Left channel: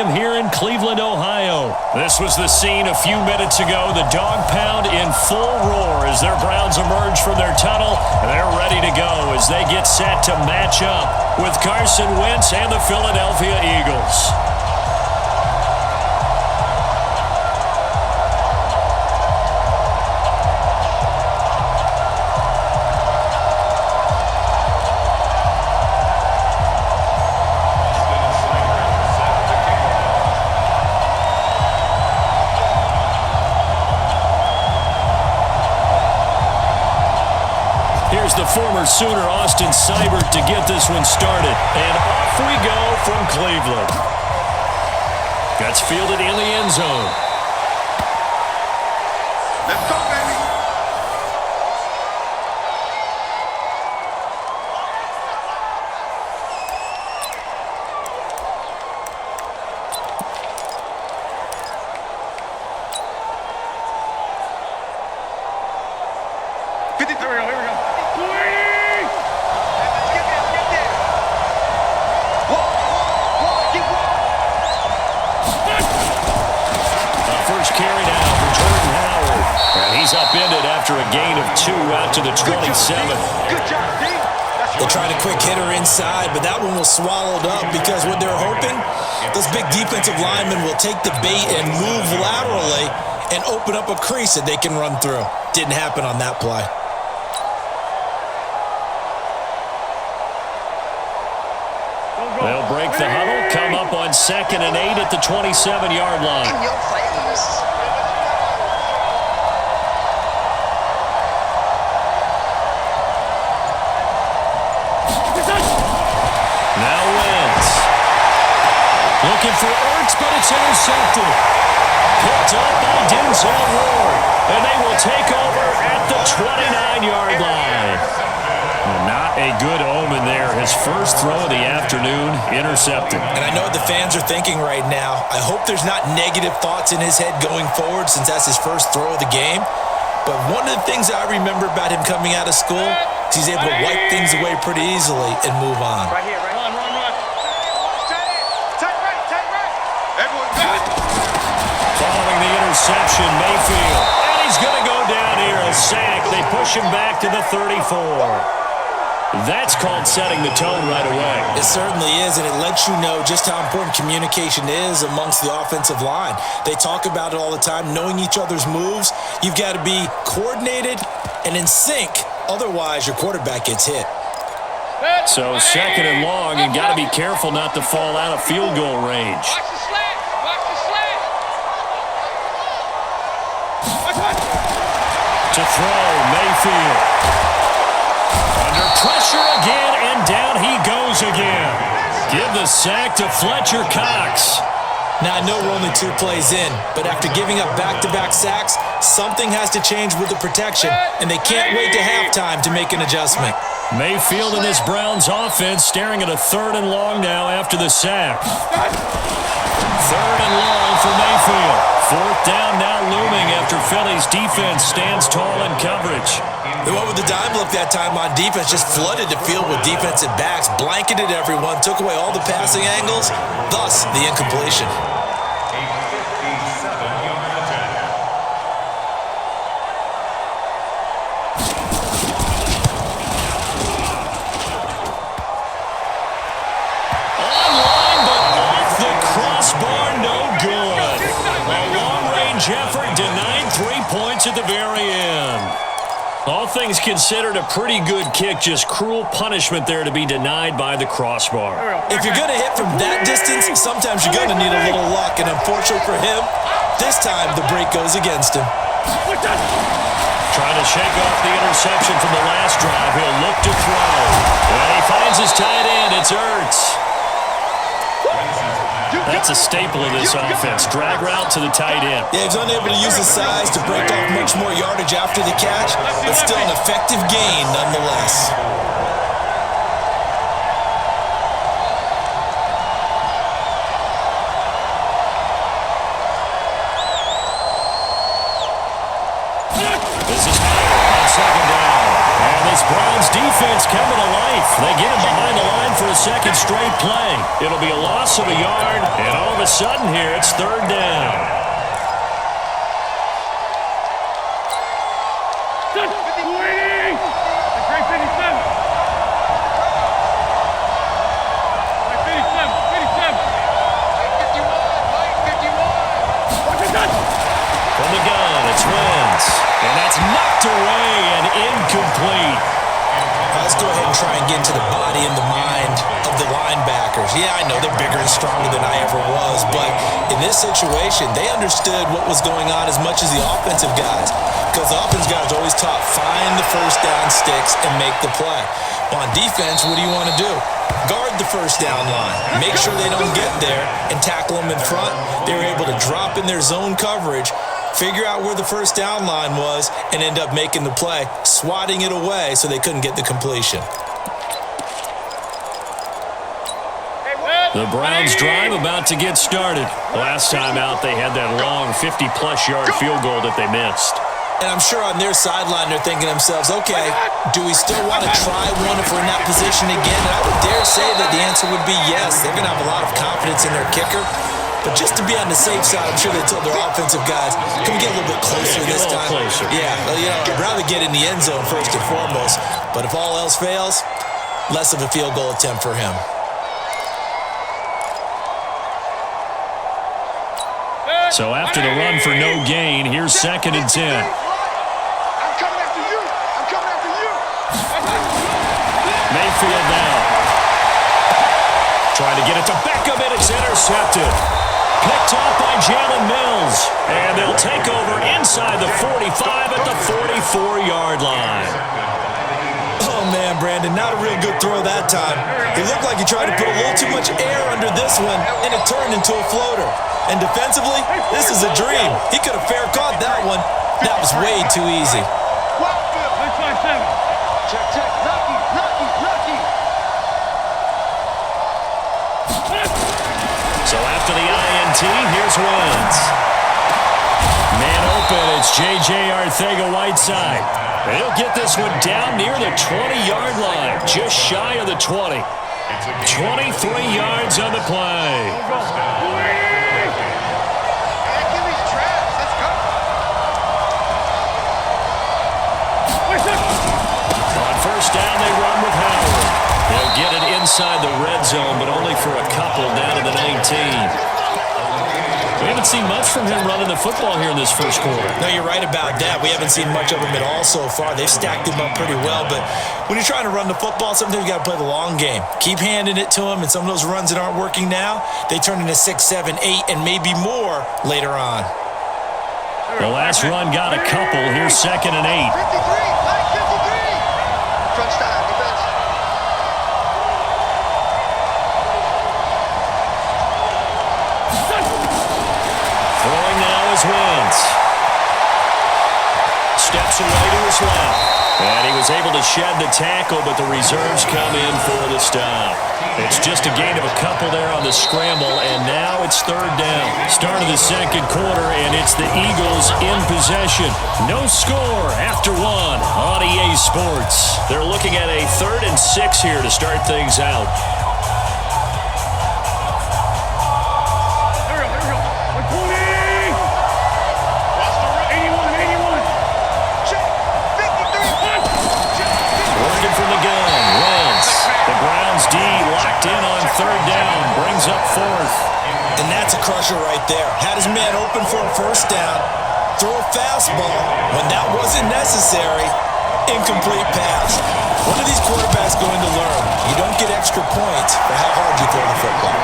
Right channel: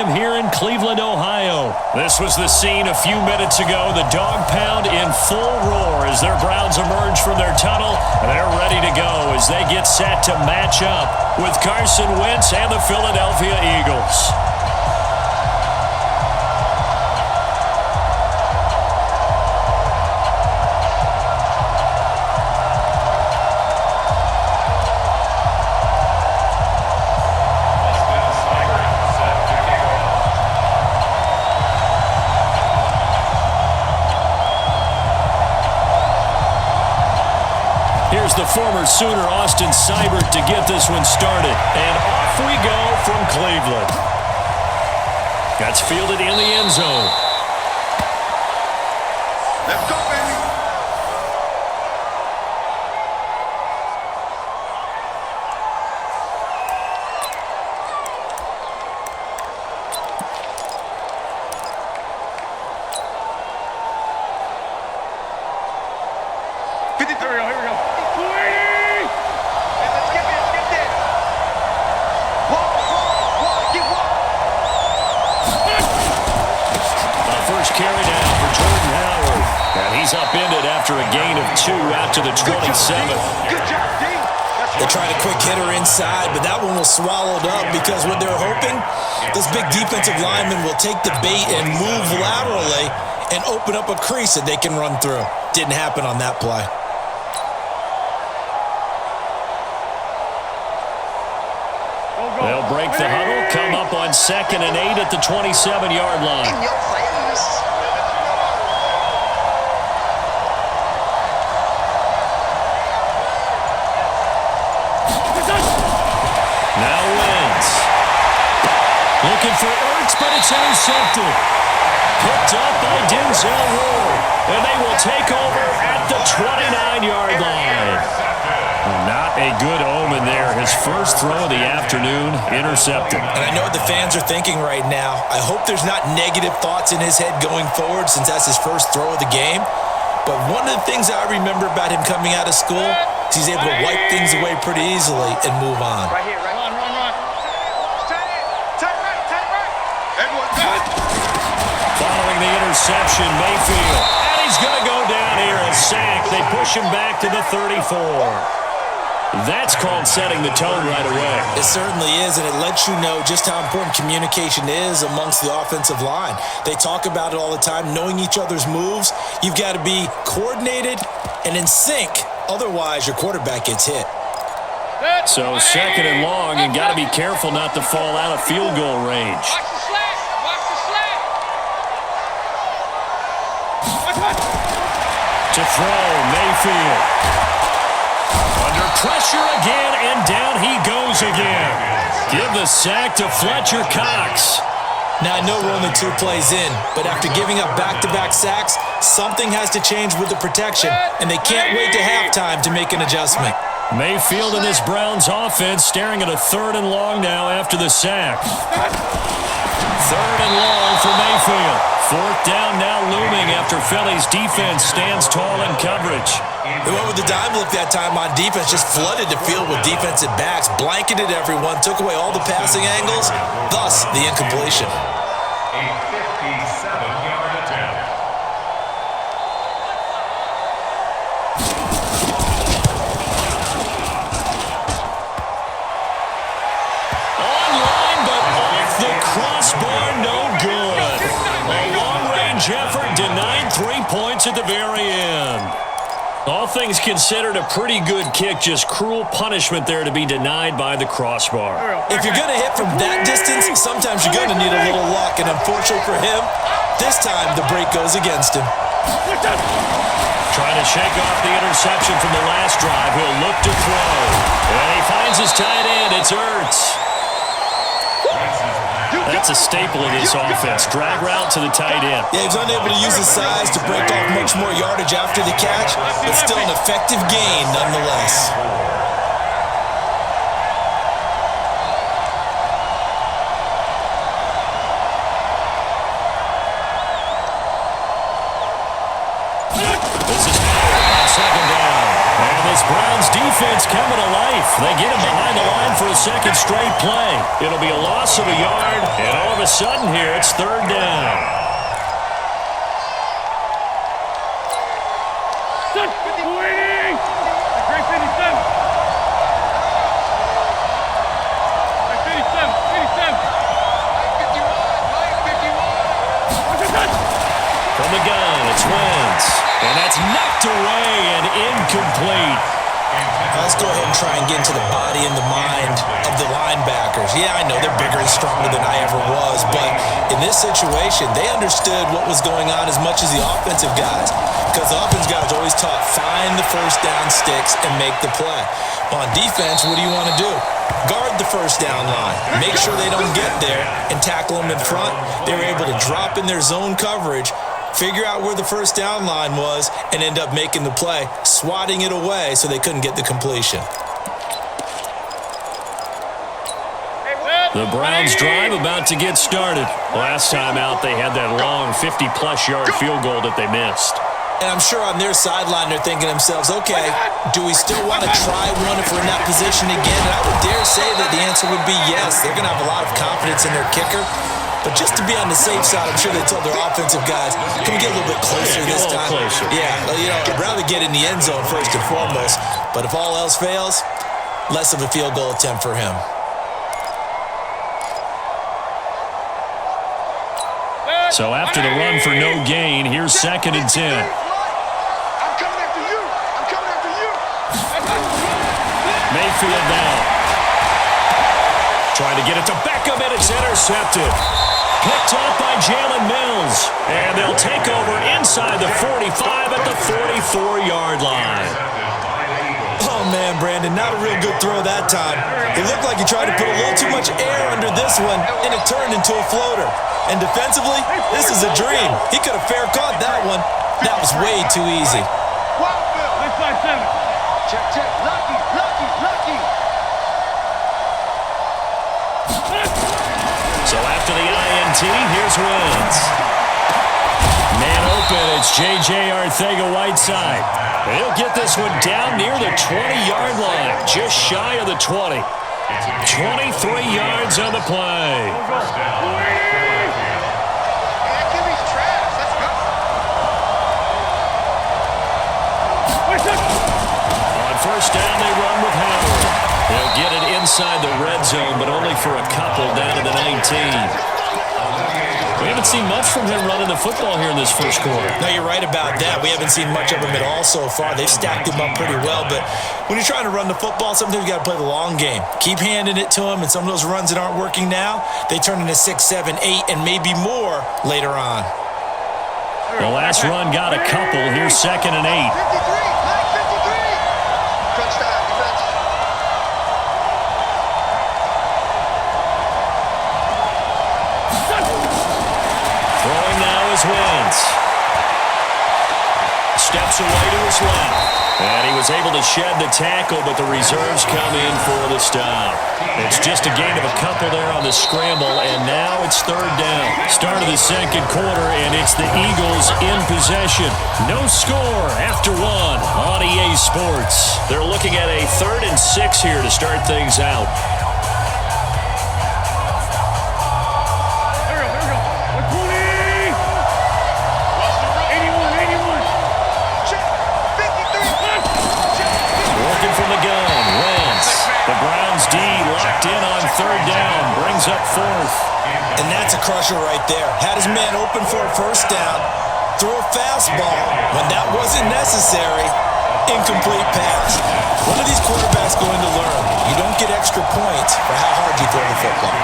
Stadium here in Cleveland, Ohio. This was the scene a few minutes ago. The dog pound in full roar as their Browns emerge from their tunnel. They're ready to go as they get set to match up with Carson Wentz and the Philadelphia Eagles. Here's the former Sooner, Austin Seibert, to get this one started. And off we go from Cleveland. That's fielded in the end zone. Let's go, baby. Here we go. Hey, let's get this. Wide, get wide. First carry now for Jordan Howard. And he's upended after a gain of 2 out to the 27. Good job, D. They tried a quick hitter inside, but that one was swallowed up because what they're hoping, those big defensive linemen will take the bait and move laterally and open up a crease that they can run through. Didn't happen on that play. They'll break the huddle, come up on 2nd and 8 at the 27-yard line. In your face. Now Wentz. Looking for Ertz, but it's intercepted. Picked up by Denzel Ward. And they will take over at the 29-yard line. Well, not a good omen there. His first throw of the afternoon, intercepted. And I know what the fans are thinking right now. I hope there's not negative thoughts in his head going forward since that's his first throw of the game. But one of the things I remember about him coming out of school is he's able to wipe things away pretty easily and move on. Right here, right. Run. Tight end, watch tight end. Tight right. Everyone, good. Following the interception, Mayfield. And he's going to go down here, a sack. They push him back to the 34. That's called setting the tone right away. It certainly is, and it lets you know just how important communication is amongst the offensive line. They talk about it all the time, knowing each other's moves. You've got to be coordinated and in sync. Otherwise, your quarterback gets hit. So 2nd and long, and got to be careful not to fall out of field goal range. Watch the slant. Watch. To throw, Mayfield. Under pressure again, and down he goes again. Give the sack to Fletcher Cox. Now, I know we're only 2 plays in, but after giving up back-to-back sacks, something has to change with the protection, and they can't wait to halftime to make an adjustment. Mayfield and this Browns offense staring at a 3rd and long now after the sack. 3rd and long for Mayfield. 4th down now looming after Philly's defense stands tall in coverage. They went with the dime look that time on defense, just flooded the field with defensive backs, blanketed everyone, took away all the passing angles, thus the incompletion. A 57-yard attempt. Online, but off the crossbar, no good. A long-range effort denied 3 points at the very end. All things considered, a pretty good kick, just cruel punishment there to be denied by the crossbar. If you're going to hit from that distance, sometimes you're going to need a little luck, and unfortunately for him, this time the break goes against him. Trying to shake off the interception from the last drive. He'll look to throw. And he finds his tight end. It's Ertz. That's a staple of this offense. Drag route to the tight end. Yeah, he was unable to use his size to break off much more yardage after the catch, but still an effective gain nonetheless. This is Howard on 2nd down. And this Browns defense coming to life. They get him behind the line for a second straight play. It'll be a loss of a yard, and all of a sudden here, it's third down. Touch. 280. A great 57. Like 57. 57. Mike 51. Mike 51. Watch it, touch. From the gun, it's Wentz. And that's knocked away and incomplete. Let's go ahead and try and get into the body and the mind of the linebackers. Yeah, I know they're bigger and stronger than I ever was, but in this situation, they understood what was going on as much as the offensive guys, because the offensive guys always taught find the first down sticks and make the play. Well, on defense, what do you want to do? Guard the first down line. Make sure they don't get there and tackle them in front. They were able to drop in their zone coverage, figure out where the first down line was, and end up making the play, swatting it away so they couldn't get the completion. The Browns drive about to get started. Last time out, they had that long 50-plus yard field goal that they missed. And I'm sure on their sideline, they're thinking to themselves, okay, do we still want to try one if we're in that position again? And I would dare say that the answer would be yes. They're going to have a lot of confidence in their kicker. But just to be on the safe side, I'm sure they told their offensive guys, can we get a little bit closer this time? Closer. Yeah, I'd rather get in the end zone first and foremost. But if all else fails, less of a field goal attempt for him. So after the run for no gain, here's 2nd and 10. I'm coming after you. I'm coming after you. Mayfield now. Trying to get it to Beckham, and it's intercepted. Picked off by Jalen Mills. And they'll take over inside the 45 at the 44-yard line. Oh, man, Brandon, not a real good throw that time. It looked like he tried to put a little too much air under this one, and it turned into a floater. And defensively, this is a dream. He could have fair caught that one. That was way too easy. Wildfield. Let's find 7. Check, check. Lucky, lucky, lucky. So after the INT, here's Wentz. Man open, it's J.J. Arcega-Whiteside. And he'll get this one down near the 20-yard line, just shy of the 20. 23 yards on the play. Hey, that QB's trash. Let's go. On first down, they run with Howard. He'll get it inside the red zone, but only for a couple down to the 19. We haven't seen much from him running the football here in this first quarter. No, you're right about that. We haven't seen much of him at all so far. They've stacked him up pretty well, but when you're trying to run the football, sometimes you got to play the long game. Keep handing it to him, and some of those runs that aren't working now, they turn into 6, 7, 8, and maybe more later on. The last run got a couple. Here's 2nd and 8. 53, Mike 53. Crunch time, defense. Throwing now is Wentz. Steps away to his left. And he was able to shed the tackle, but the reserves come in for the stop. It's just a gain of a couple there on the scramble, and now it's third down. Start of the second quarter, and it's the Eagles in possession. No score after one on EA Sports. They're looking at a 3rd and 6 here to start things out. Here we go. 120. Watch the road. 81, 81. Check. 53. Check. Working from the gun, Wentz. The Browns D locked in on third down, brings up 4th. And that's a crusher right there. Had his man open for a first down, threw a fastball when that wasn't necessary, incomplete pass. What are these quarterbacks going to learn? You don't get extra points for how hard you throw the football.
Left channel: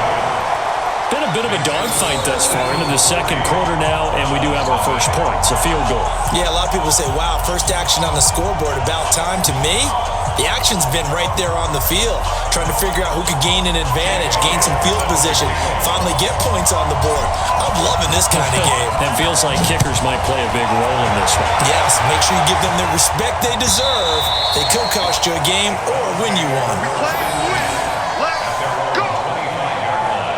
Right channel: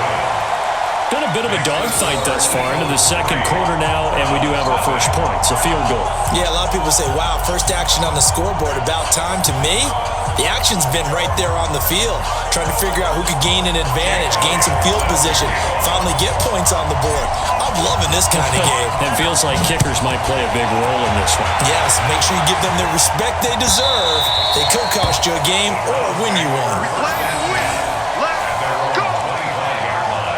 Been a bit of a dogfight thus far into the second quarter now, and we do have our first points, a field goal. Yeah, a lot of people say, wow, first action on the scoreboard, about time. To me, the action's been right there on the field, trying to figure out who could gain an advantage, gain some field position, finally get points on the board. I'm loving this kind of game. It feels like kickers might play a big role in this one. Yes, make sure you give them the respect they deserve. They could cost you a game or win you one. We play to win. Let's go. 25-yard line.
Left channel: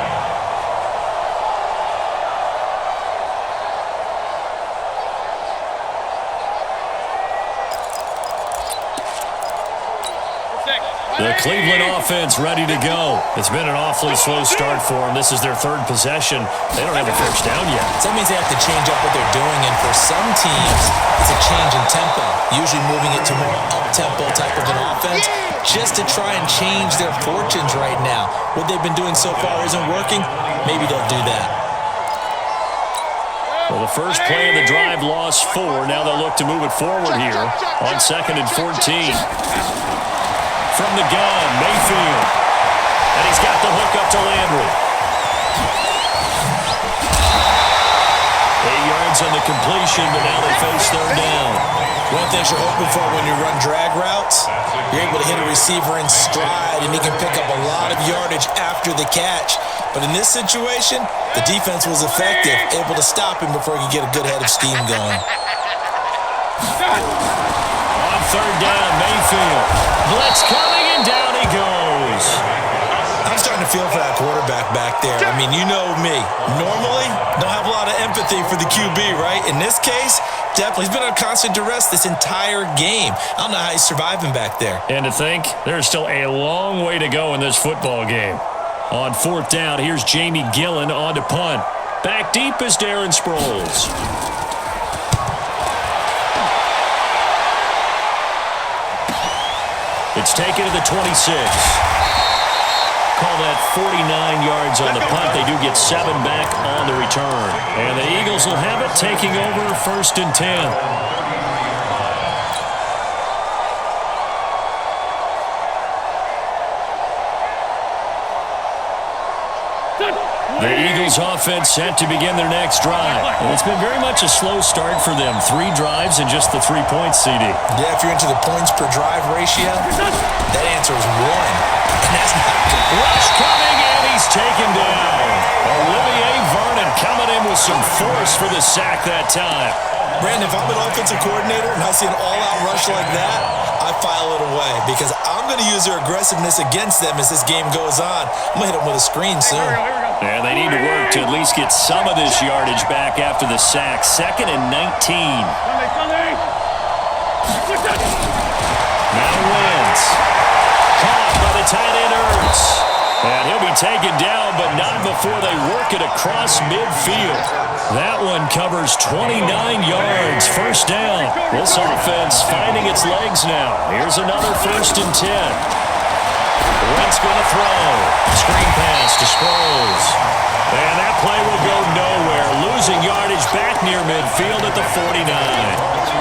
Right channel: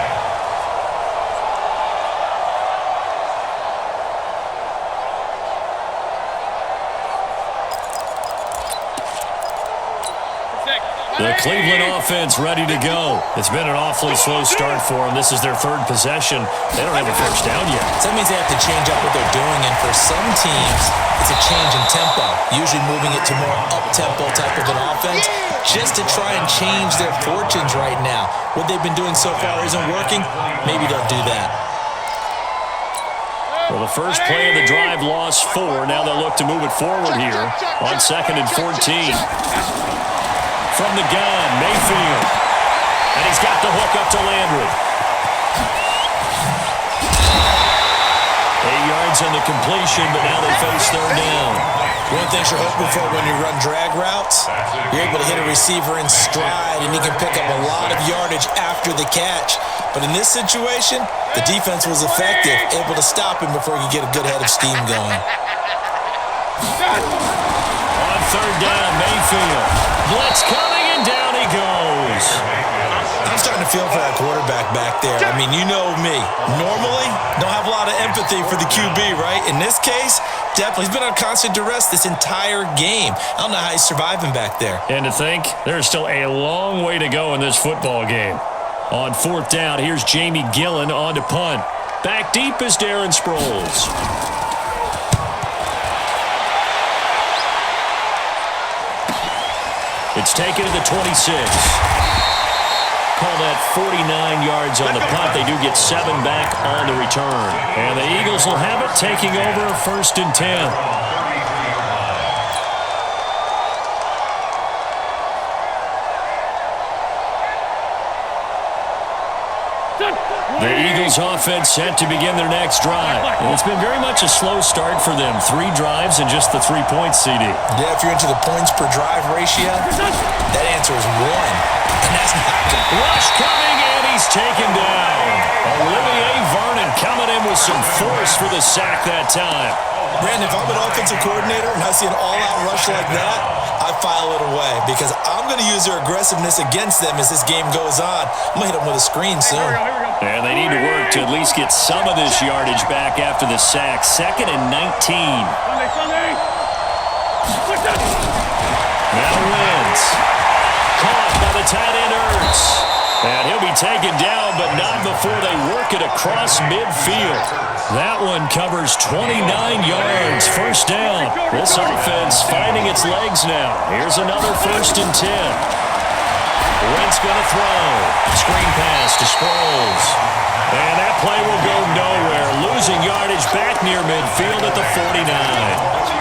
The Cleveland offense ready to go. It's been an awfully slow start for them. This is their third possession. They don't have a first down yet. So that means they have to change up what they're doing, and for some teams, it's a change in tempo, usually moving it to more up-tempo type of an offense just to try and change their fortunes right now. What they've been doing so far isn't working. Maybe they'll do that. Well, the first play of the drive lost 4. Now they'll look to move it forward here on 2nd and 14. From the gun, Mayfield. And he's got the hook up to Landry. 8 yards on the completion, but now they face third down. One thing you're hoping for when you run drag routes, you're able to hit a receiver in stride, and he can pick up a lot of yardage after the catch. But in this situation, the defense was effective, able to stop him before he could get a good head of steam going. On third down, Mayfield. Blitz coming, and down he goes. I'm starting to feel for that quarterback back there. I mean, you know me. Normally, don't have a lot of empathy for the QB, right? In this case, definitely. He's been on constant duress this entire game. I don't know how he's surviving back there. And to think, there's still a long way to go in this football game. On 4th down, here's Jamie Gillen on to punt. Back deep is Darren Sproles. It's taken to the 26. Call that 49 yards on the punt. They do get 7 back on the return. And the Eagles will have it, taking over 1st and 10. The Eagles offense set to begin their next drive. And it's been very much a slow start for them. 3 drives and just the 3 points, CD. Yeah, if you're into the points per drive ratio, that answer is 1. And that's not good. Rush coming, and he's taken down. Olivier Vernon coming in with some force for the sack that time. Brandon, if I'm an offensive coordinator and I see an all-out rush like that, I file it away because I'm going to use their aggressiveness against them as this game goes on. I'm going to hit them with a screen soon. Here we go. And they need to work to at least get some of this yardage back after the sack. 2nd and 19. Sunday. Now Wentz. Caught by the tight end Ertz. And he'll be taken down, but not before they work it across midfield. That one covers 29 yards. First down. This offense finding its legs now. Here's another 1st and 10. Wentz going to throw. Screen pass to Sproles. And that play will go nowhere. Losing yardage back near midfield at the 49.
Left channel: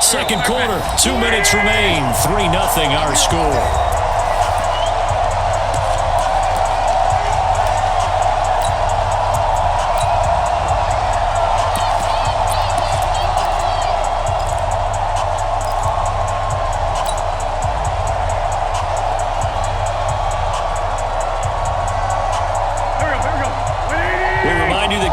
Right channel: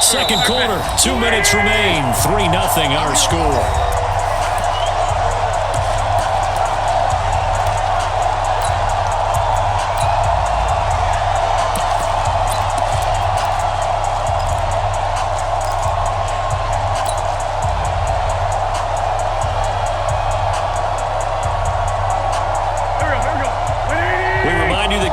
Second quarter, 2 minutes remain. 3-0 our score.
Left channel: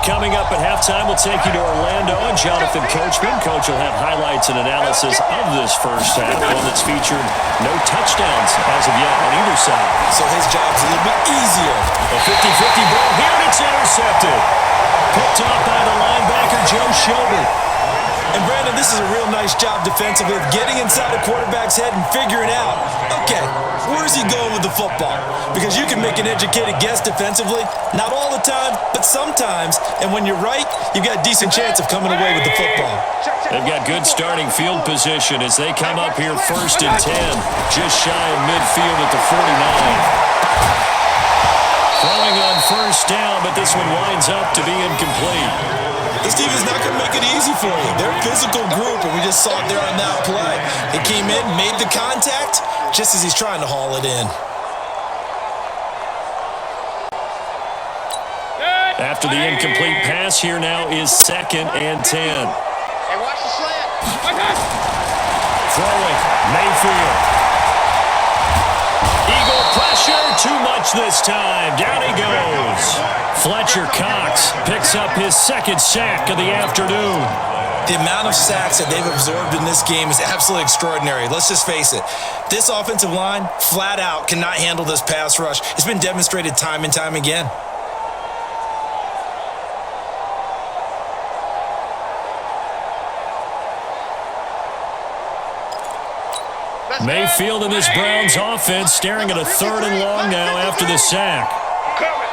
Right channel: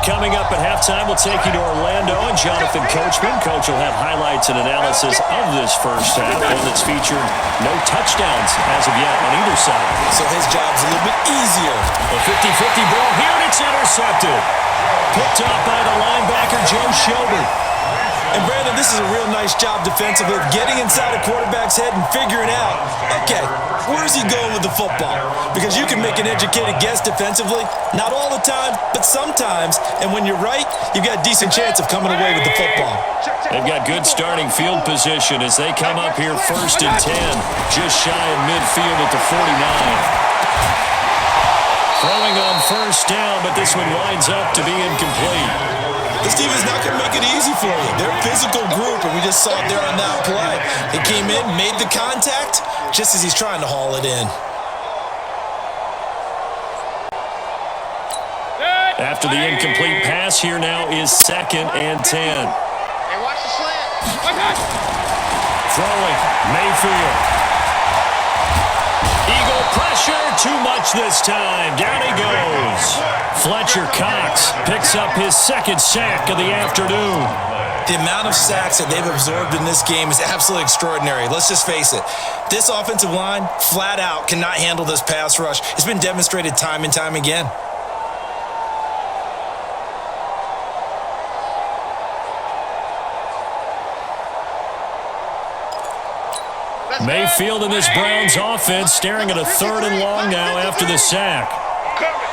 Coming up at halftime, we'll take you to Orlando and Jonathan Coachman. Coach will have highlights and analysis of this first half, one that's featured no touchdowns as of yet on either side. So his job's a little bit easier. A 50-50 ball here, and it's intercepted. Picked off by the linebacker, Joe Schobert. And Brandon, this is a real nice job defensively of getting inside a quarterback's head and figuring out, okay, where's he going with the football? Because you can make an educated guess defensively, not all the time, but sometimes. And when you're right, you've got a decent chance of coming away with the football. They've got good starting field position as they come up here 1st and 10, just shy of midfield at the 49. Throwing on first down, but this one winds up to be incomplete. This team is not going to make it easy for you. They're a physical group, and we just saw it there on that play. They came in, made the contact, just as he's trying to haul it in. After the incomplete pass, here now is 2nd and 10. Hey, watch the slant. Throwing, Mayfield. Eagle pressure, too much this time. Down he goes. Fletcher Cox picks up his 2nd sack of the afternoon. The amount of sacks that they've absorbed in this game is absolutely extraordinary. Let's just face it. This offensive line, flat out, cannot handle this pass rush. It's been demonstrated time and time again. Mayfield and this Browns offense staring at a 3rd and long now after the sack. I'm coming.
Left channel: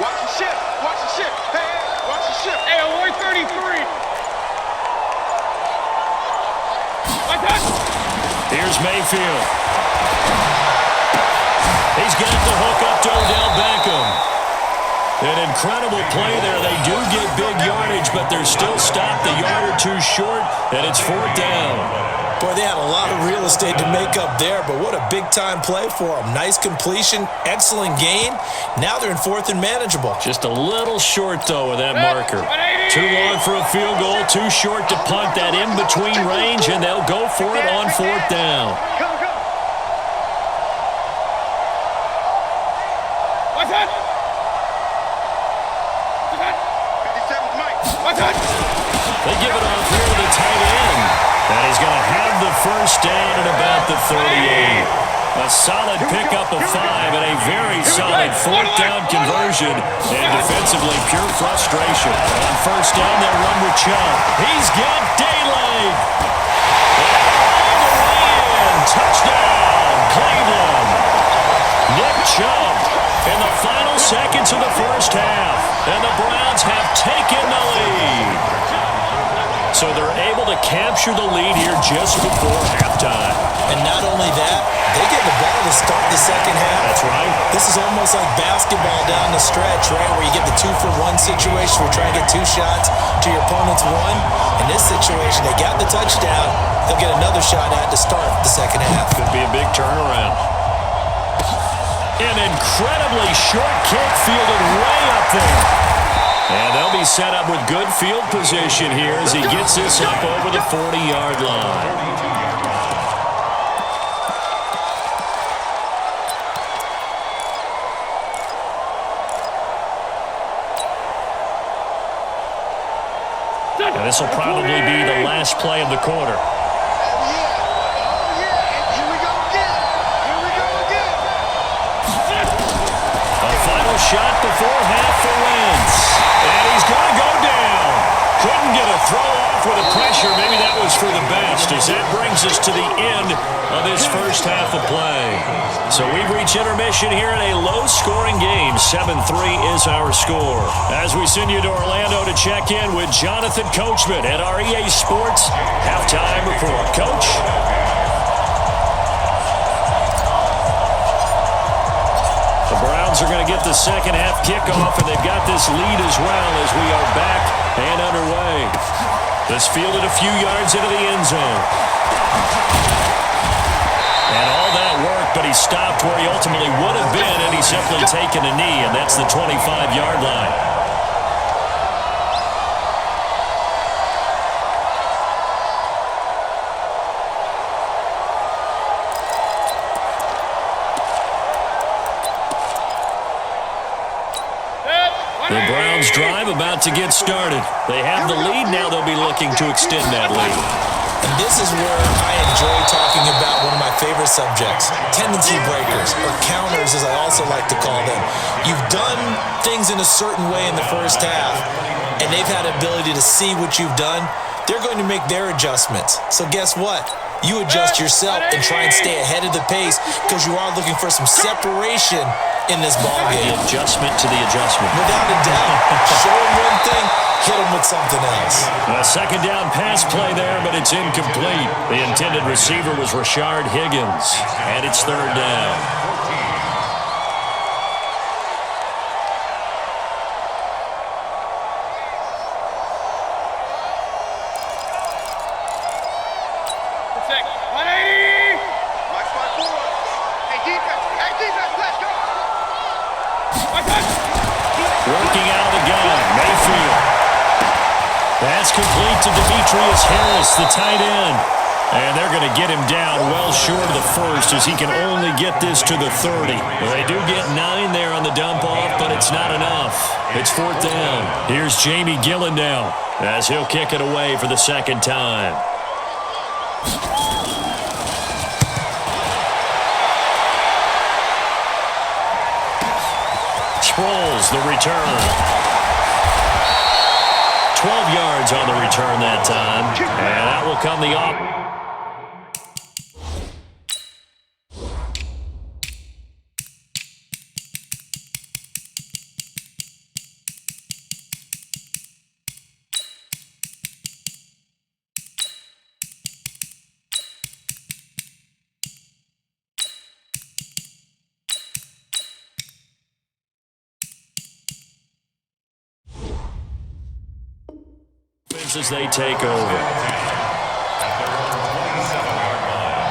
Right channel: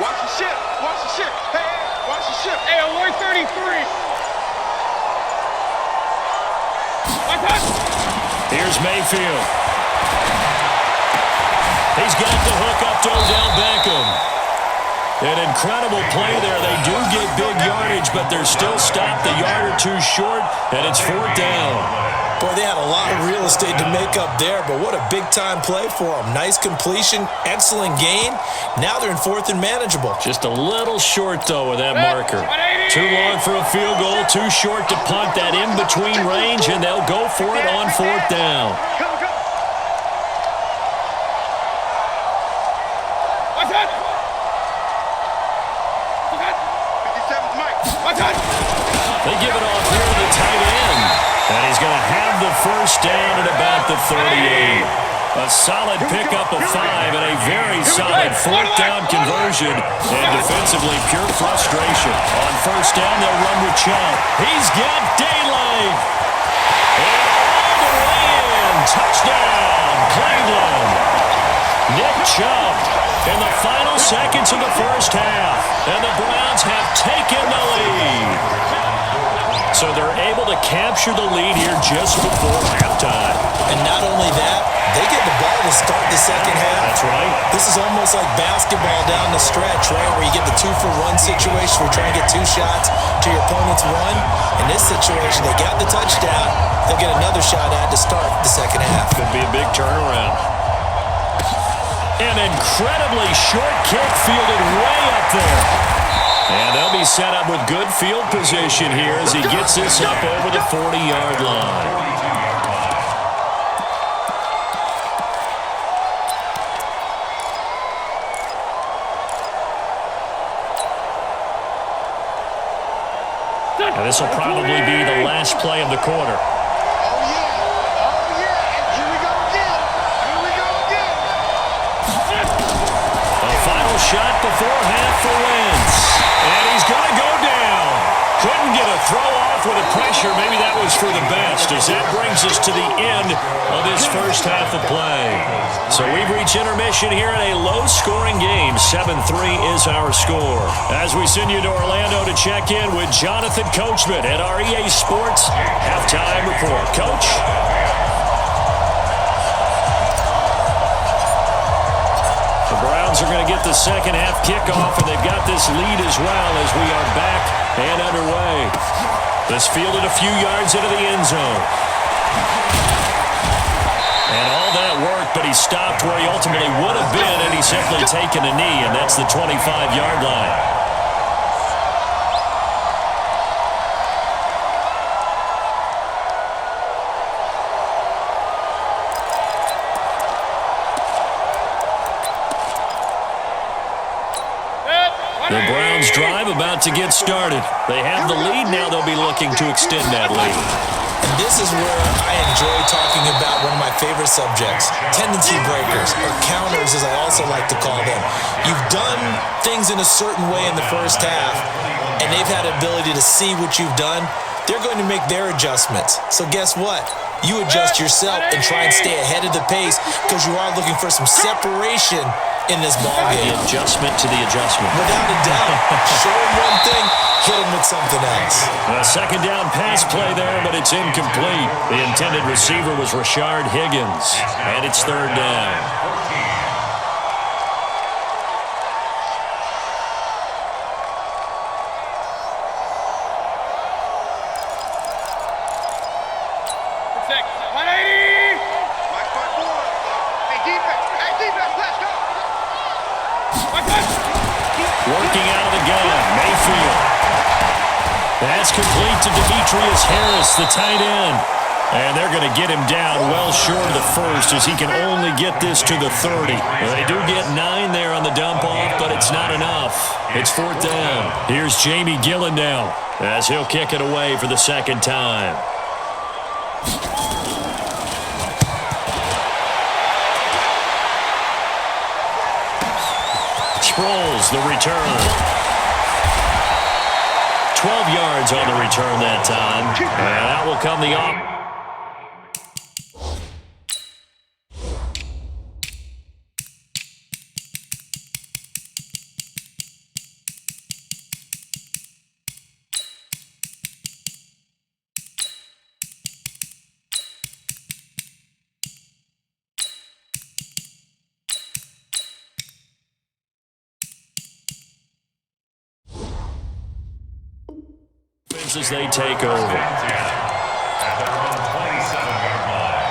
Watch the ship. Watch the ship. Hey, watch the ship. Hey, alert 33. What's up? Here's Mayfield. He's got the hook up to Odell Beckham. An incredible play there. They do get big yardage, but they're still stopped a yard or two short, and it's 4th down. Boy, they had a lot of real estate to make up there, but what a big-time play for them. Nice completion, excellent gain. Now they're in 4th and manageable. Just a little short, though, with that marker. Too long for a field goal, too short to punt that in-between range, and they'll go for it on 4th down. Come. What's that? 57's Mike. What's that? They give it off here to the tight end. And he's going to have the 1st down at about the 38. A solid pickup of 5 and a very solid 4th down conversion. And defensively, pure frustration. On 1st down, they'll run with Chubb. He's got daylight. And all the way in. Touchdown, Cleveland. Nick Chubb in the final seconds of the 1st half. And the Browns have taken the lead. So they're able to capture the lead here just before halftime. And not only that, they get the ball to start the second half. That's right. This is almost like basketball down the stretch, right, where you get the 2-for-1 situation where you're trying to get 2 shots to your opponent's 1. In this situation, they got the touchdown. They'll get another shot at to start the second half. Could be a big turnaround. An incredibly short kick fielded way up there. And they'll be set up with good field position here as he gets this up over the 40-yard line. 42-yard line. Now this will probably be the last play of the quarter. Oh, yeah. And here we go again. A final shot before half for Wentz. And he's going to go down. Couldn't get a throw off with the pressure. Maybe that was for the best, as that brings us to the end of this first half of play. So we've reached intermission here in a low-scoring game. 7-3 is our score. As we send you to Orlando to check in with Jonathan Coachman at our EA Sports Halftime Report. Coach? The Browns are going to get the second half kickoff, and they've got this lead as well as we are back and underway. This fielded a few yards into the end zone. And all that worked, but he stopped where he ultimately would have been, and he's simply taken a knee, and that's the 25-yard line. The Browns drive about to get started. They have the lead. Now they'll be looking to extend that lead. And this is where I enjoy talking about one of my favorite subjects, tendency breakers, or counters as I also like to call them. You've done things in a certain way in the first half, and they've had the ability to see what you've done. They're going to make their adjustments. So guess what? You adjust yourself and try and stay ahead of the pace because you are looking for some separation in this ball game. The adjustment to the adjustment. Without a doubt. Show them one thing, hit them with something else. A second down pass play there, but it's incomplete. The intended receiver was Rashard Higgins, and it's third down. 14. Protect. 180. Mike 5-4. Hey, defense, let's go. What's that? Working out of the gun, Mayfield. That's complete to Demetrius Harris, the tight end. And they're going to get him down well short of the first as he can only get this to the 30. They do get 9 there on the dump-off, but it's not enough. It's fourth down. Here's Jamie Gillen now as he'll kick it away for the second time. Sproles, the return. 12 yards on the return that time. And out will come the off. Eagles as they take over. At their own 27-yard line.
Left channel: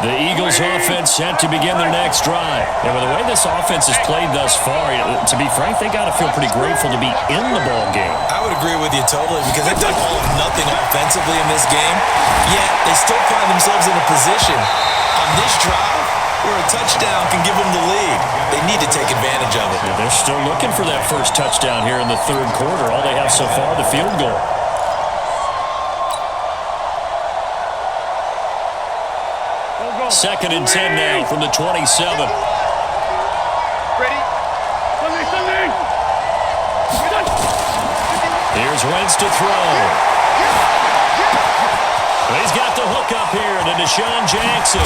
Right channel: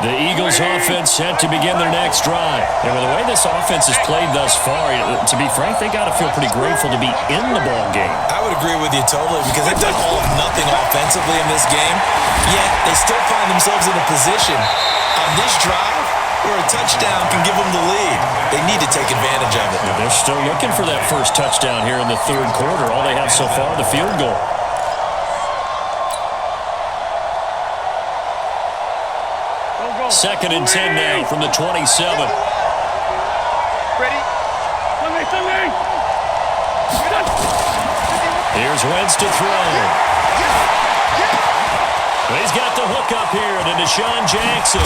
The Eagles offense set to begin their next drive. And with the way this offense has played thus far, to be frank, they got to feel pretty grateful to be in the ball game. I would agree with you totally because they've done all of nothing offensively in this game, yet they still find themselves in a position on this drive where a touchdown can give them the lead. They need to take advantage of it. Yeah, they're still looking for that first touchdown here in the third quarter. All they have so far, the field goal. Second and 10 now from the 27. Ready? Sunday. Here's Wentz to throw. He's got the hook up here to Deshaun Jackson.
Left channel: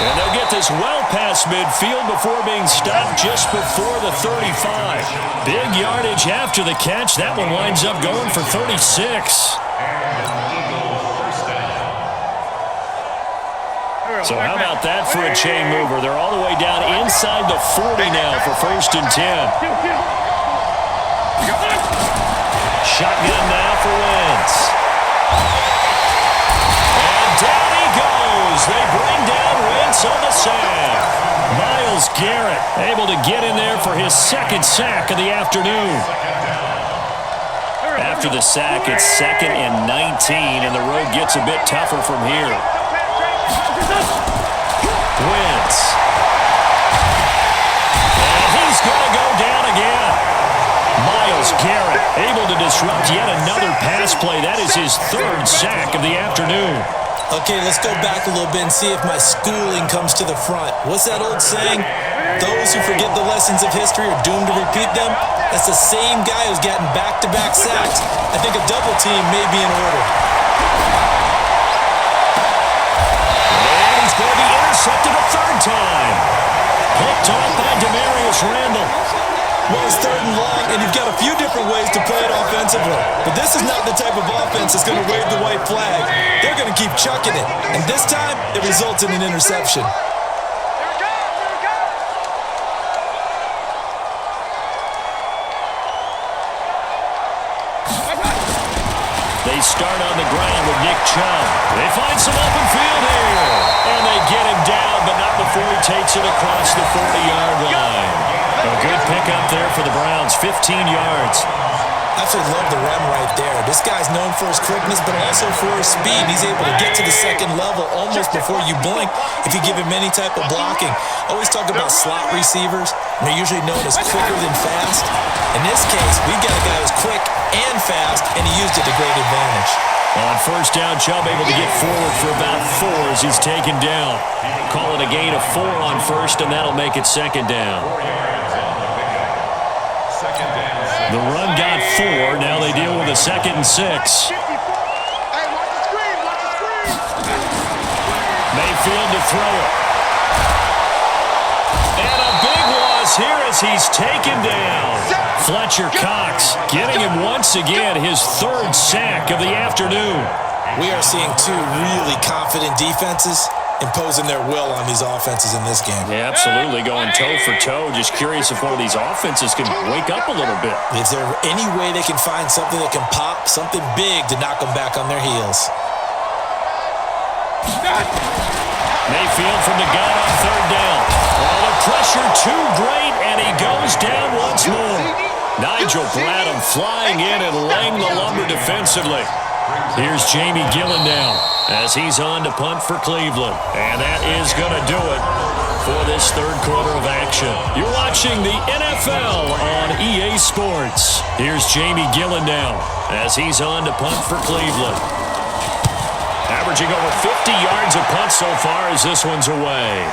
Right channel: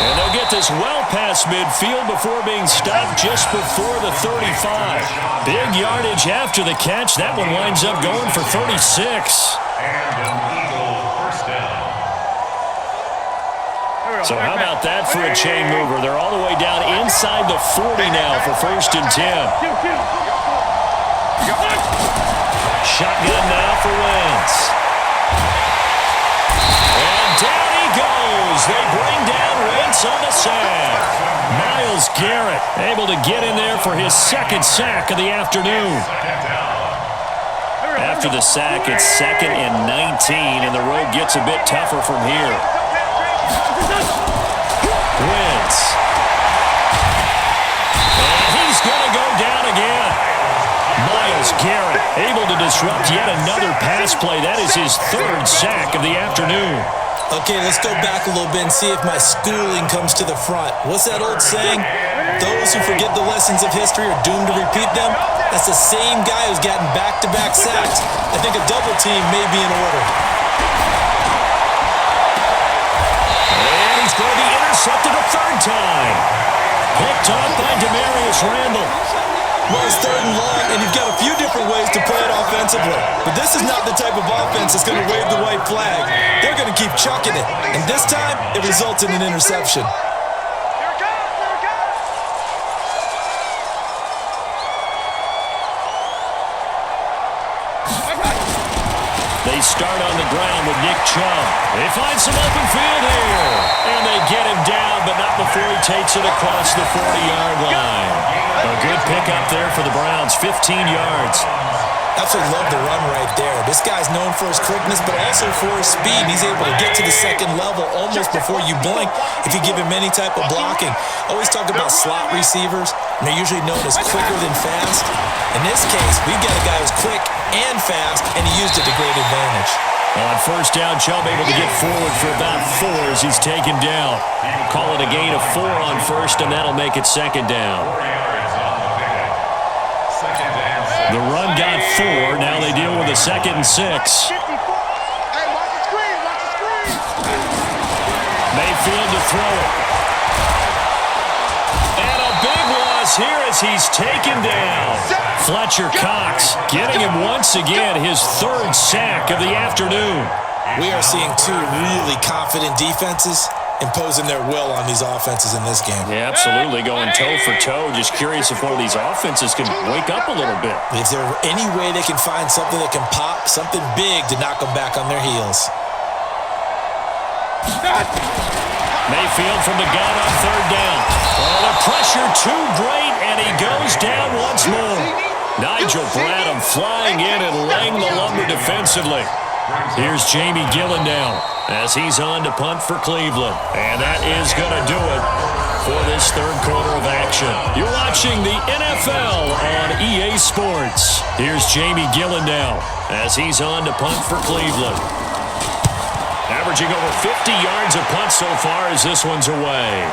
And they'll get this well past midfield before being stopped just before the 35. Big yardage after the catch. That one winds up going for 36. And an Eagles first down. So how about that for a chain mover? They're all the way down inside the 40 now for first and 10. Shotgun now for Wentz. And down he goes. They bring down Wentz on the sack. Myles Garrett able to get in there for his second sack of the afternoon. After the sack, it's 2nd and 19, and the road gets a bit tougher from here. Wentz. And he's going to go down again. Myles Garrett able to disrupt yet another pass play. That is his third sack of the afternoon. Okay, let's go back a little bit and see if my schooling comes to the front. What's that old saying? Those who forget the lessons of history are doomed to repeat them. That's the same guy who's gotten back-to-back sacks. I think a double team may be in order. And he's going to be intercepted a third time. Picked off by Demarius Randall. Well, it's 3rd and long, and you've got a few different ways to play it offensively. But this is not the type of offense that's going to wave the white flag. They're going to keep chucking it. And this time, it results in an interception. Here it comes, here it comes. They start on the ground with Nick Chubb. They find some open field here. And they get him down, but not before he takes it across the 40-yard line. A good pickup there for the Browns, 15 yards. Absolutely love the run right there. This guy's known for his quickness, but also for his speed. He's able to get to the second level almost before you blink if you give him any type of blocking. Always talk about slot receivers, and they're usually known as quicker than fast. In this case, we've got a guy who's quick and fast, and he used it to great advantage. On first down, Chubb able to get forward for about 4 as he's taken down. Call it a gain of 4 on first, and that'll make it second down. 4 yards on the pickup. Second and 6. The run got 4. Now they deal with a 2nd and 6. Hey, watch the screen, watch the screen. Mayfield to throw it. And a big loss here as he's taken down. Fletcher Cox getting him once again his 3rd sack of the afternoon. We are seeing 2 really confident defenses imposing their will on these offenses in this game. Yeah, absolutely, going toe for toe. Just curious if one of these offenses can wake up a little bit. Is there any way they can find something that can pop, something big to knock them back on their heels? Mayfield from the gun on 3rd down. Oh, the pressure too great, and he goes down once more. Nigel Bradham flying in and laying the lumber defensively. Here's Jamie Gillen now as he's on to punt for Cleveland. And that is going to do it for this 3rd quarter of action. You're watching the NFL on EA Sports. Here's Jamie Gillen now as he's on to punt for Cleveland. Averaging over 50 yards a punt so far as this one's away.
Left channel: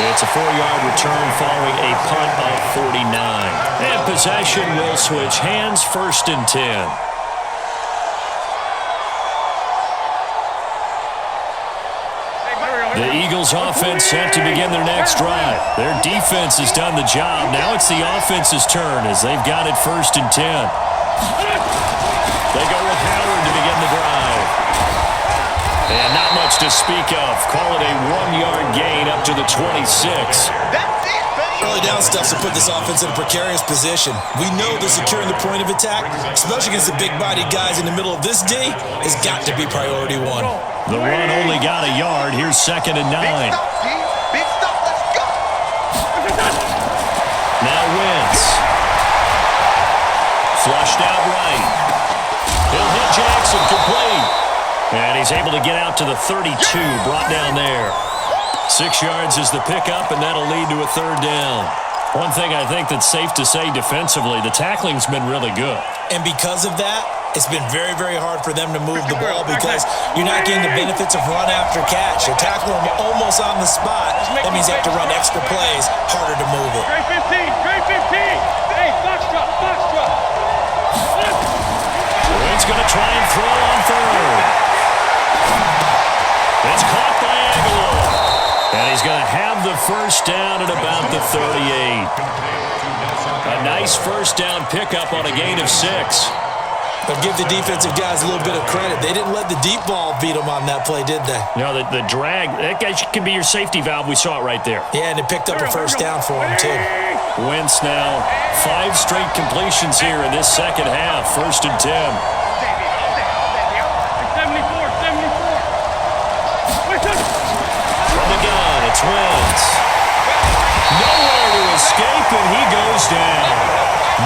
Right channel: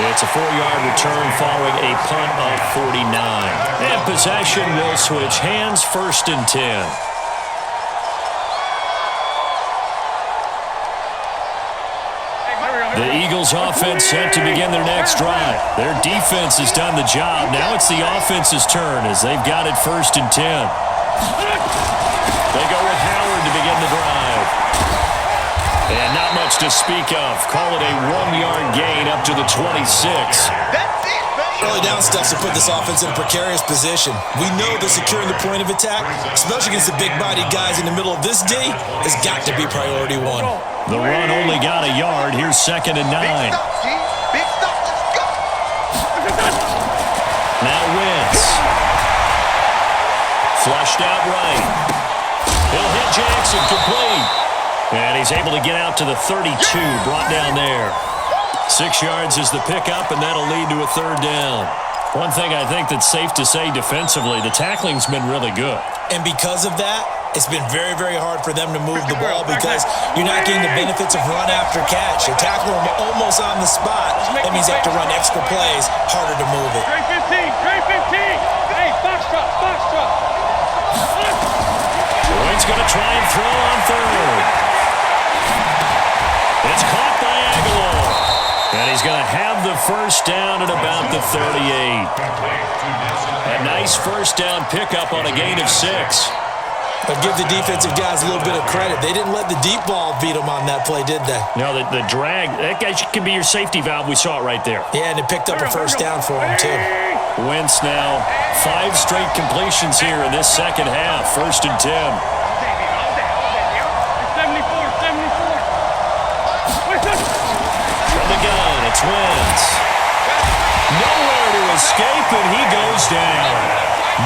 It's a 4-yard return following a punt of 49. And possession will switch hands, 1st and 10. The Eagles offense set to begin their next drive. Their defense has done the job. Now it's the offense's turn as they've got it 1st and 10. They go with Howard to begin the drive. And not much to speak of. Call it a 1-yard gain up to the 26. That's it, baby. early down stuff to put this offense in a precarious position. We know that securing the point of attack, especially against the big-bodied guys in the middle of this D, has got to be priority one. The run only got a yard. Here's 2nd and 9. Big stop, G. Big stop. Let's go. Now Wentz. Flushed out right. He'll hit Jackson, complete. And he's able to get out to the 32, brought down there. 6 yards is the pickup, and that'll lead to a 3rd down. One thing I think that's safe to say defensively, the tackling's been really good. And because of that, it's been very, very hard for them to move the ball because you're not getting the benefits of run after catch. You're tackling them almost on the spot. That means you have to run extra plays, harder to move it. Trey 15, Trey 15. Hey, box truck, box truck. Boyd's going to try and throw on 3rd. It's caught by Aguilar. And he's going to have the 1st down at about the 38. A nice 1st down pickup on a gain of 6. But give the defensive guys a little bit of credit. They didn't let the deep ball beat them on that play, did they? No, the drag, that guy can be your safety valve. We saw it right there. Yeah, and it picked up a 1st down for him, too. Wentz now 5 straight completions here in this 2nd half. 1st and 10. All day, baby. All day. All day. All day. 74. Wait, From the gun, it's Wentz. Nowhere to escape, and he goes down.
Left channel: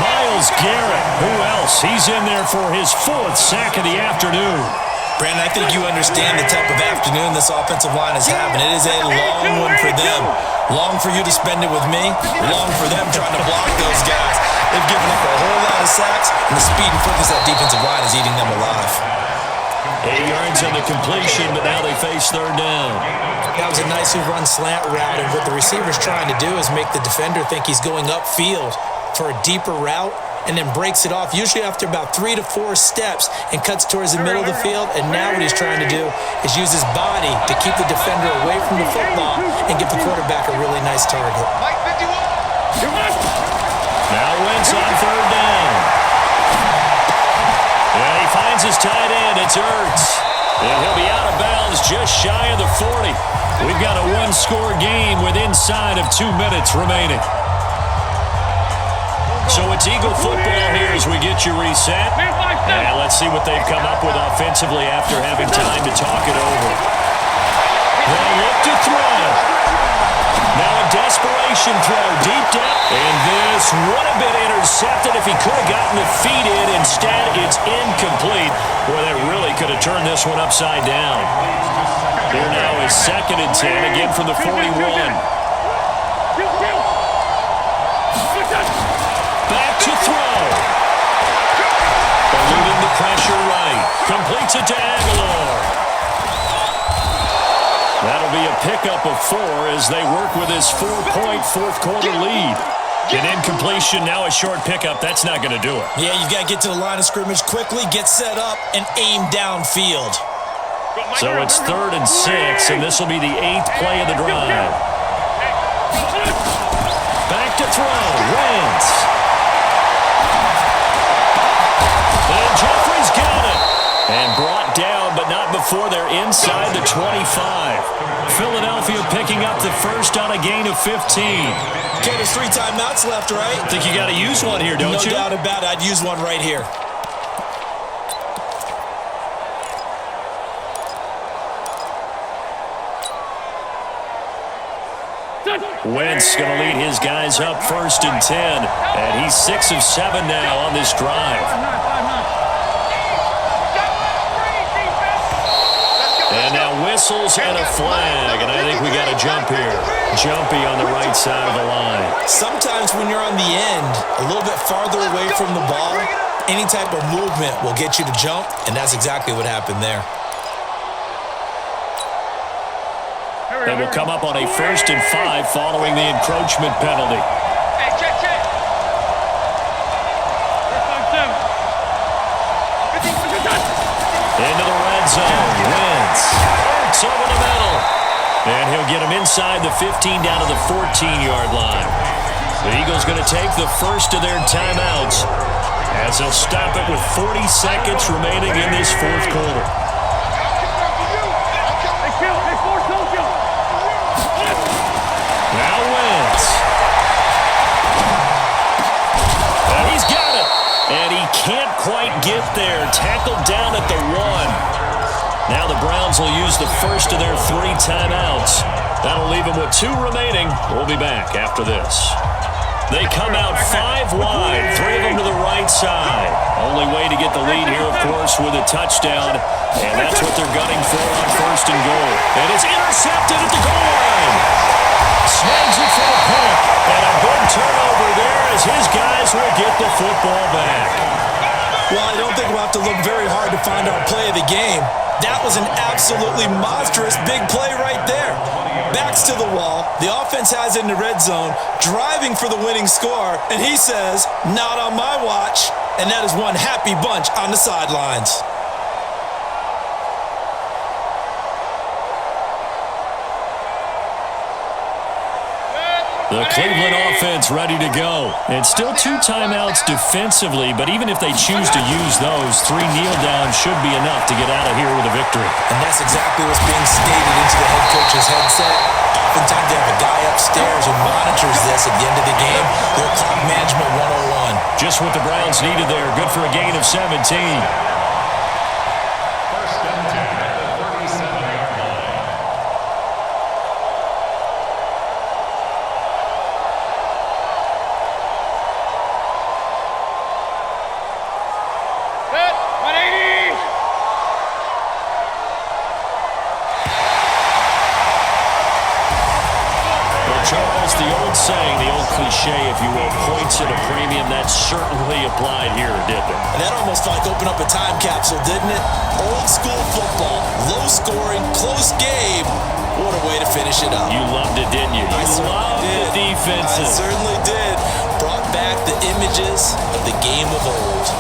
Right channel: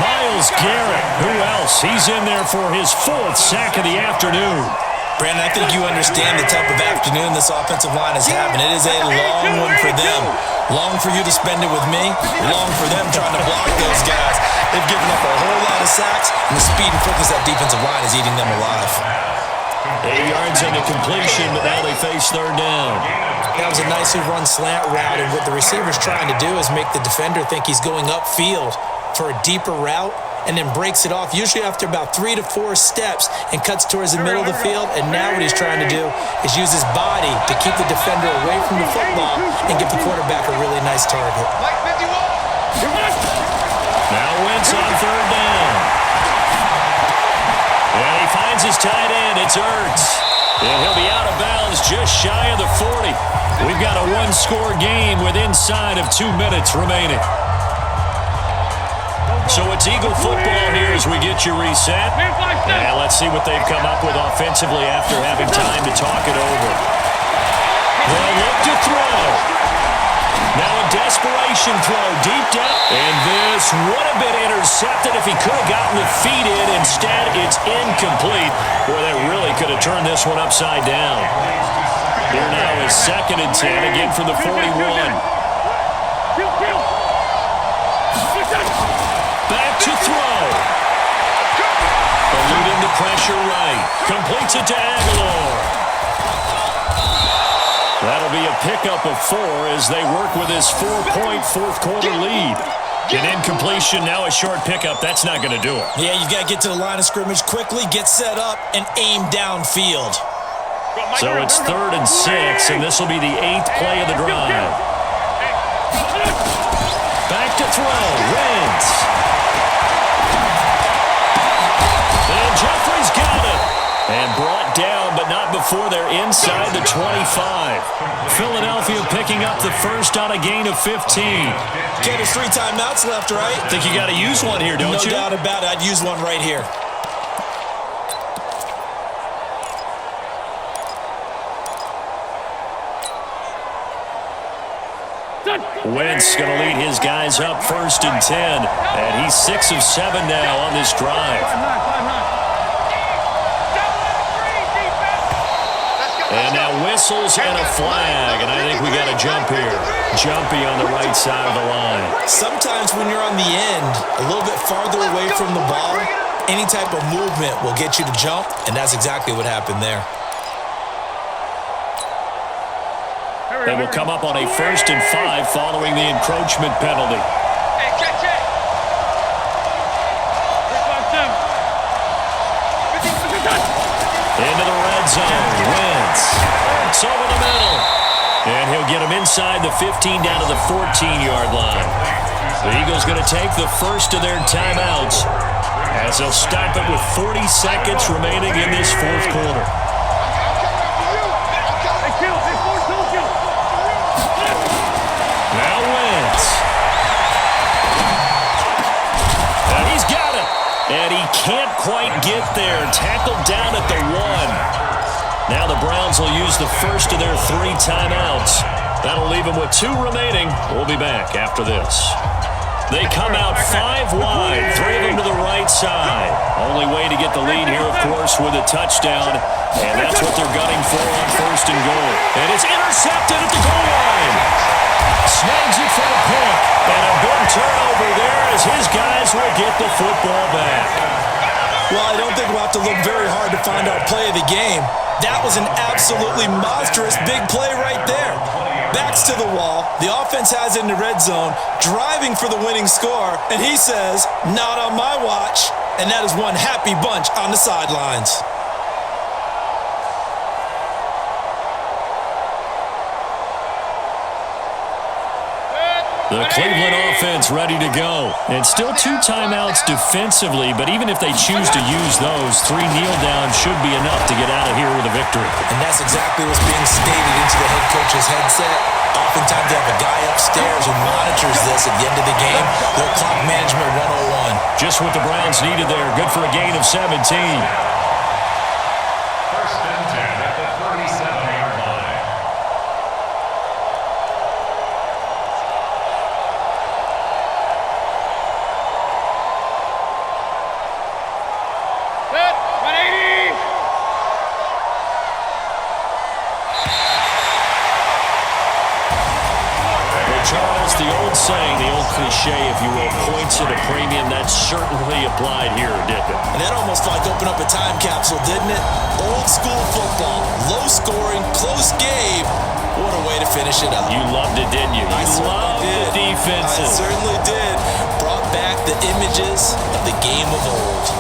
Myles Garrett, who else? He's in there for his 4th sack of the afternoon. Brandon, I think you understand the type of afternoon this offensive line is having. It is a long one for them. Long for you to spend it with me. Long for them trying to block those guys. They've given up a whole lot of sacks, and the speed and quickness of that defensive line is eating them alive. 8 yards on the completion, but now they face 3rd down. That was a nicely run slant route, and what the receiver's trying to do is make the defender think he's going upfield for a deeper route and then breaks it off, usually after about 3 to 4 steps, and cuts towards the middle of the field. And now what he's trying to do is use his body to keep the defender away from the football and give the quarterback a really nice target. Mike 51. Now Wentz on 3rd down. And he finds his tight end. It's Ertz. And he'll be out of bounds just shy of the 40. We've got a 1-score game with inside of 2 minutes remaining. So it's Eagle football here as we get you reset. And let's see what they've come up with offensively after having time to talk it over. They'll look to throw. Now a desperation throw deep down. And this would have been intercepted if he could have gotten the feet in. Instead, it's incomplete. Boy, that really could have turned this one upside down. Here now is 2nd and 10, again from the 41. Back to throw. Eluding the pressure right. Completes it to Aguilar. That'll be a pickup of 4 as they work with his 4-point 4th-quarter lead. An incompletion, now a short pickup. That's not going to do it. Yeah, you've got to get to the line of scrimmage quickly, get set up, and aim downfield. So it's 3rd and 6, and this will be the 8th play of the drive. Back to throw. Wentz. And Jeffrey's got it. And brought down, but not before they're inside the 25. Philadelphia picking up the 1st on a gain of 15. Okay, there's 3 timeouts left, right? Think you got to use one here, don't you? No doubt about it. I'd use one right here. Wentz going to lead his guys up 1st and 10. And he's 6 of 7 now on this drive. 5-9. And now whistles and a flag, and I think we got a jump here. Jumpy on the right side of the line. Sometimes when you're on the end, a little bit farther away from the ball, any type of movement will get you to jump, and that's exactly what happened there. They will come up on a 1st and 5 following the encroachment penalty. Hey, check. 5-7. Into the red zone. Wentz. Ertz over the middle. And he'll get him inside the 15 down to the 14-yard line. The Eagles going to take the first of their timeouts as they'll stop it with 40 seconds remaining in this 4th quarter. Now Wentz. He's got it. And he can't quite get there. Tackled down at the 1. Now the Browns will use the first of their 3 timeouts. That'll leave them with 2 remaining. We'll be back after this. They come out 5 wide, 3 of them to the right side. Only way to get the lead here, of course, with a touchdown. And that's what they're gunning for on 1st and goal. And it's intercepted at the goal line. Snags it for the pick. And a big turnover there as his guys will get the football back. Well, I don't think we'll have to look very hard to find our play of the game. That was an absolutely monstrous big play right there. Backs to the wall. The offense has it in the red zone, driving for the winning score. And he says, not on my watch. And that is one happy bunch on the sidelines. The Cleveland offense ready to go. And still 2 timeouts defensively, but even if they choose to use those, 3 kneel downs should be enough to get out of here with a victory. And that's exactly what's being stated into the head coach's headset. Oftentimes they have a guy upstairs who monitors this at the end of the game. Little clock management 101. Just what the Browns needed there. Good for a gain of 17. 1st and 10 at the 37-yard line. Set. 180. Well, Charles, the old saying, the old cliche, if you will, points at a premium, that certainly applied here, didn't it? And that almost like opened up a time capsule, didn't it? Old school football, low scoring, close game. What a way to finish it up. You loved it, didn't you? You loved the defenses. I certainly did. Brought back the images of the game of old.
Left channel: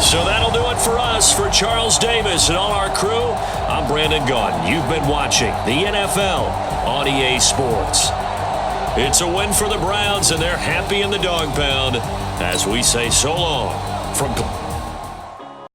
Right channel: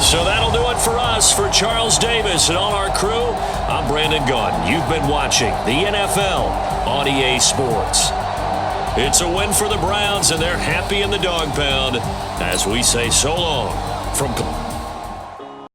So that'll do it for us. For Charles Davis and all our crew, I'm Brandon Gaudin. You've been watching the NFL on EA Sports. It's a win for the Browns, and they're happy in the dog pound as we say so long from